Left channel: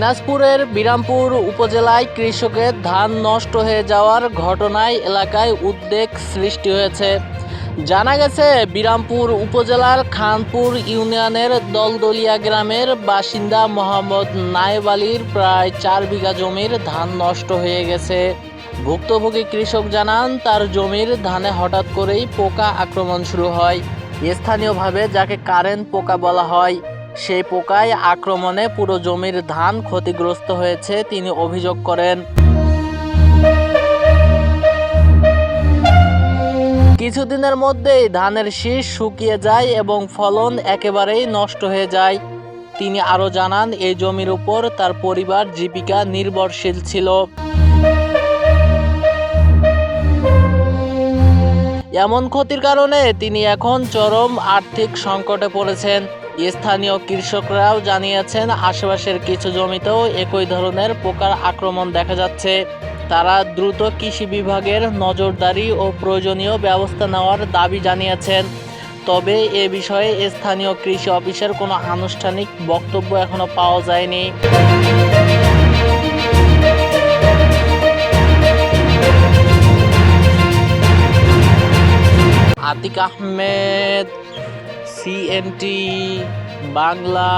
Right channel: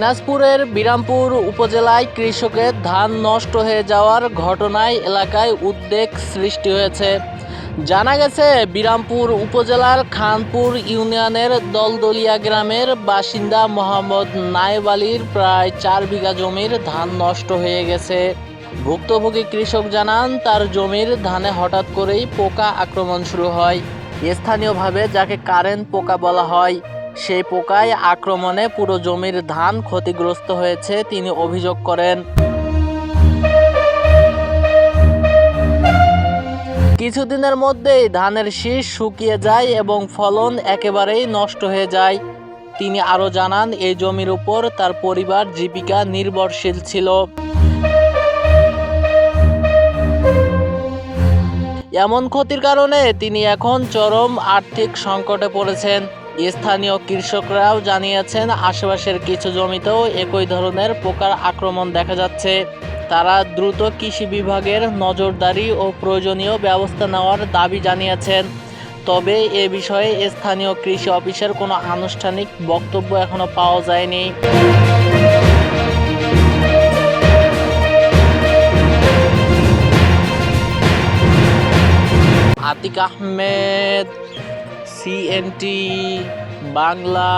দিনাজপুরের বিরামপুর উপজেলায় কৃষকের ধান নষ্ট হয়ে যাওয়ার ঘটনায় এলাকায় উদ্বেগ সৃষ্টি হয়েছে। জানা গেছে, বিরামপুর উপজেলার খানপুর ইউনিয়নের দলদলিয়া গ্রামের বাসিন্দা মোহাম্মদ নায়েব আলীর প্রায় 4 বিঘা জমির ধান নষ্ট হয়ে গেছে। ভুক্তভোগী কৃষক জানান, তার জমির ধানে হঠাৎ করেই পোকা আক্রমণ শুরু হয়। স্থানীয়ভাবে যাকে কারেন্ট পোকা বলা হয়, সেই পোকায় আক্রমণে পুরো জমির ধান ক্ষতিগ্রস্ত হয়েছে তিনি অভিযোগ করেন। কিছুদিনের মধ্যেই ধানের শীষ শুকিয়ে যায় এবং ফলন একেবারেই নষ্ট হয়ে যায়। তিনি আরও জানান, এই জমির উপর তার পরিবার জীবিকা নির্ভরশীল ছিল। এমন ক্ষতির কারণে তিনি এখন চরম আর্থিক সংকটে পড়েছেন। স্থানীয় কৃষকরাও জানিয়েছেন, আশেপাশের কিছু জমিতেও একই ধরনের পোকার আক্রমণ দেখা যাচ্ছে। তারা দ্রুত কৃষি বিভাগের নজরদারি ও প্রয়োজনীয় ব্যবস্থা নেওয়ার দাবি জানিয়েছেন। তবে এ বিষয়ে স্থানীয় কৃষি অফিসের কোনো আনুষ্ঠানিক বক্তব্য এখনো পাওয়া যায়নি। আতিক আহমেদ, CNT বাংলা।